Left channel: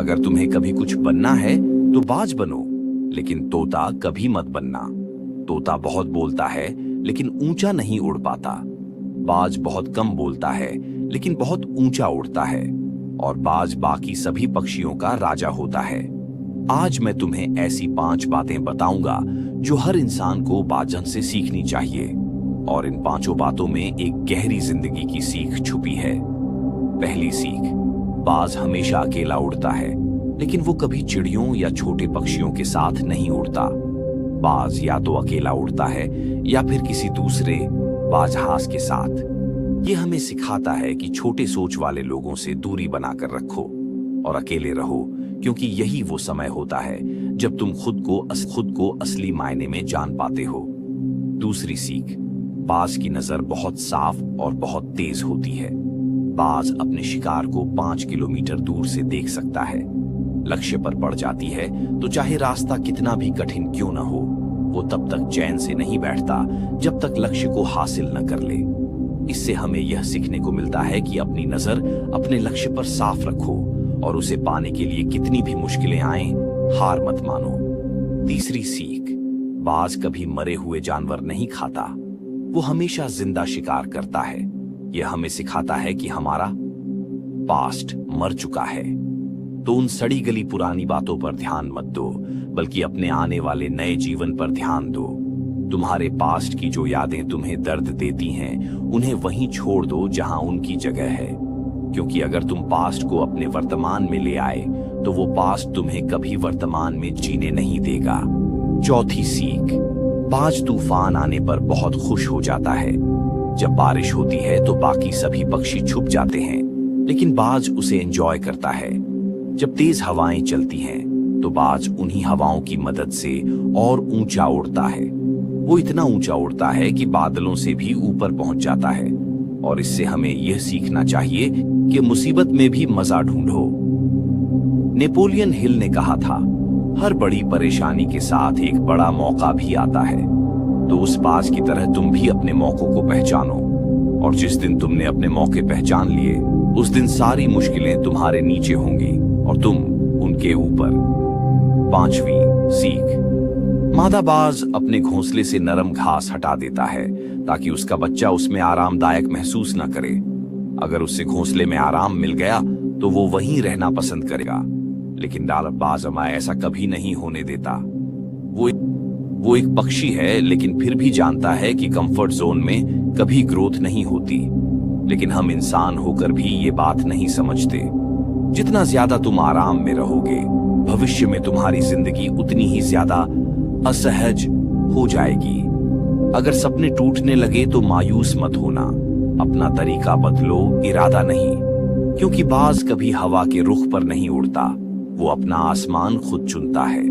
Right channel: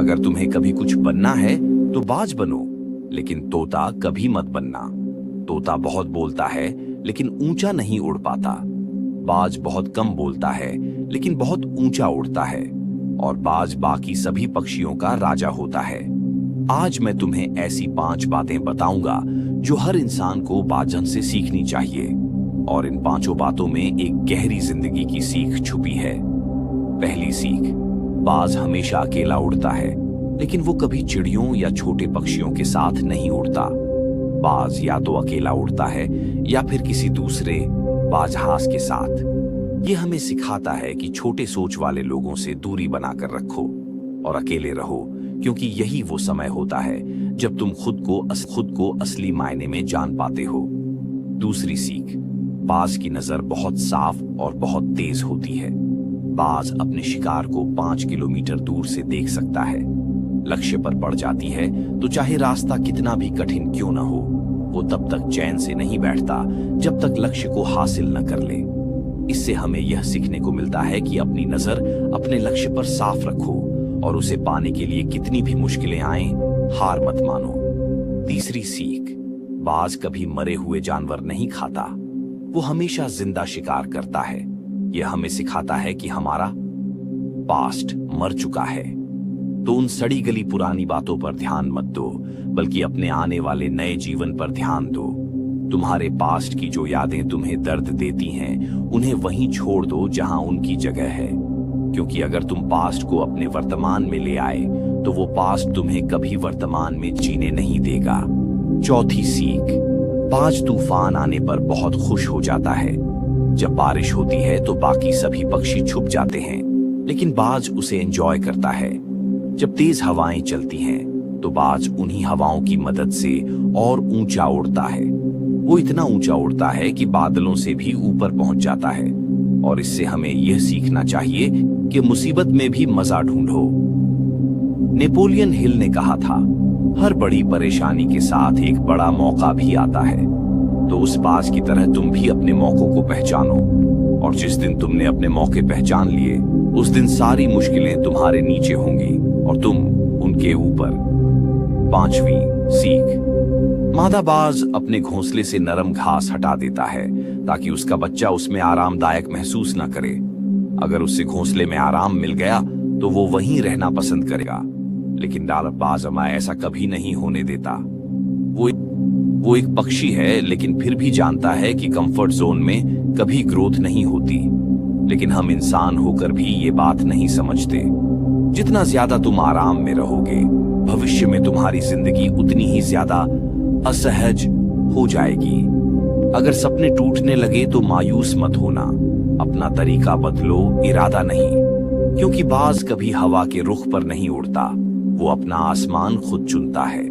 अगर तुम्हें कभी कुछ बनना है तो बाज बनो, लेकिन तोता कभी मत बनना। तोता बहुत बोलता है लेकिन ऊंचा नहीं उड़ पाता। बाज बहुत कम बोलता है लेकिन बहुत ऊंचा उड़ता है। और बाज बाकी सभी पक्षियों का राजा होता है। आज मैं तुम्हें ऐसी 5 बातें बताऊंगा जो हर इंसान को बाजन से सीखनी चाहिए। और इन 5 बातों में एक गहरी जिंदगी की सीख छुपी है। पहली सीख, बाज हमेशा अकेला उड़ता है, लेकिन वो कभी चिड़ियों या छोटे पक्षियों के साथ नहीं उड़ता। बाज या तो अकेला उड़ता है या फिर किसी दूसरे बाजहांस के साथ। ये हमें सिखाता है कि छोटे सोच वाले लोगों से दूरी बनाकर रखो और अकेले रहो, क्योंकि यही वो समय होता है जब तुम खुद को असली मायने में जान पाते हो। दूसरी सीख, बाज की नजर बहुत साफ और बहुत तेज होती है। बाज अपने शिकार को 5 किलोमीटर दूर से देख सकता है। लक्ष्य पर पड़ जाती है तो चाहे रास्ता कितना भी कठिन क्यों न हो, वो तब तक चैन से नहीं बैठता जब तक लक्ष्य को हासिल न कर ले। इससे हमें यह सीखने को मिलता है कि अपनी नजर अपने लक्ष्य पर साफ रखो और उसे पाने के लिए कितनी भी मुश्किलें आएं, हार मत मानो। तीसरी सीख, बाज कभी मरे हुए जानवर नहीं खाता, वो हमेशा जिंदा शिकार करता है। यह हमें सिखाता है कि हमारा पास्ट मर चुका है, तो उन सड़ी गली पुरानी बातों पर ध्यान मत दो, बल्कि अपने आने वाले नए जीवन पर ध्यान दो। तुम्हारे पास्ट की जो यादें तुम्हें दर्द देती हैं, उन्हें वहीं छोड़ दो जहां उनकी जगह है, क्योंकि अगर तुम पास्ट को अपने वर्तमान में ले आए तो वो पास्ट तुम्हें कभी वर्तमान में जीने नहीं देगा। चौथी सीख, बाज तूफान आने पर बहुत खुश हो जाता है। जब बारिश होती है तो बाकी सभी पक्षी छुप जाते हैं, लेकिन बाज उसे एंजॉय करता है। जब तेज हवाएं चलती हैं तो बाज उन्हीं हवाओं की मदद से और ऊंचा उड़ता है। वो इतना ऊंचा उड़ता है कि बादलों से भी ऊपर पहुंच जाता है। और इससे हमें यह सीखना चाहिए कि मुसीबत में भी मजा ढूंढो। नेपोलियन हिल ने कहा था, हर बड़ी परेशानी के साथ एक बड़ा मौका भी आता है। तो उस बाज की तरह तुम भी अपने मौकों को पहचानो, और जिस दिन तुमने अपने मौके पहचान लिए, उस दिन सारी मुश्किलें तुम्हारे नीचे होंगी और तुम उनके ऊपर। 5वीं सीख, मादा बाज अपने घोंसले से नरम घास हटा देता है ताकि उसका बच्चा उसमें आरामदायक महसूस न करे। अगर उससे घोंसले में आराम मिल गया तो वो वहीं रहना पसंद करेगा, लेकिन डालर बाज अमा ऐसा कभी नहीं होने देता। वो एक पक्षी है, लेकिन फिर भी जानता है कि कंफर्ट जोन में कभी ग्रोथ नहीं होती। लेकिन हम इंसान होकर भी ये बात नहीं समझते। जितना ज्यादा तुम आराम में रहोगे, भविष्य में तुम्हारी जिंदगी उतनी ही ज्यादा असहज हो जाएगी। अगर सपने टूटने लगे तो मायूस मत होना, अपना तरीका बदलो, इरादा नहीं, क्योंकि बाज कभी हवा के रुख पर नहीं उड़ता, वो अपना आसमान खुद चुनता है।